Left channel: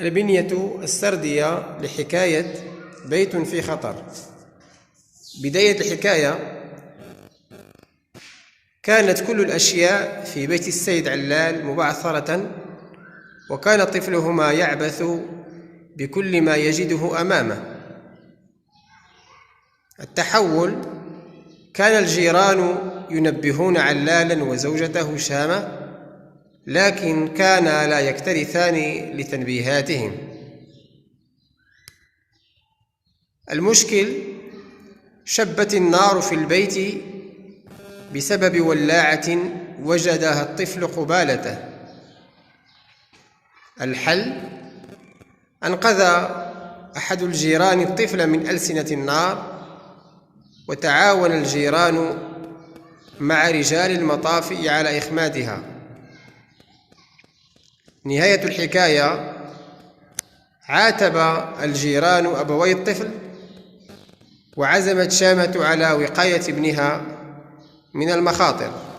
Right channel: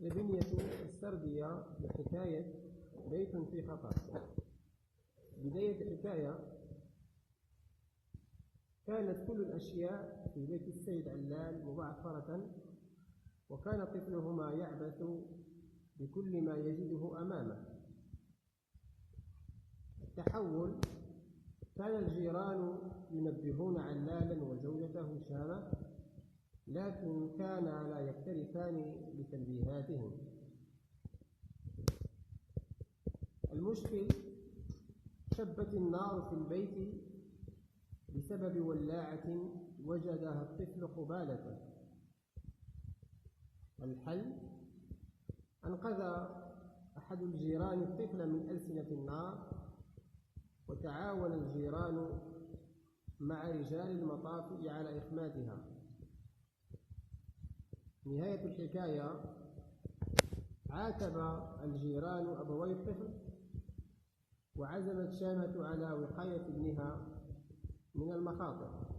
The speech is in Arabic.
البنية السردية لحكاية بيت في خطر. بداية الحكاية: كانت كل الأشياء في بيت السيد علال مبعثرة، وكان طفلهما يعبث بكل ما يجده أمامه. التحول: كان الجيران ينبهون علالا وزوجته شامة، لكن كانا لا يكترثان لتنبيهاتهم. المشكل: شبت النار في البيت بسبب ولاعة وجدها الطفل قبالته. الحل: أنقذ أحد الجيران الطفل من ألسنة النار، وتعاون الجيران مع رجال المطافئ على إخمادها. نهاية الحكاية: عاتب الجيران أبوي الطفل، وعزمت شامة على وقاية ابنها من المخاطر.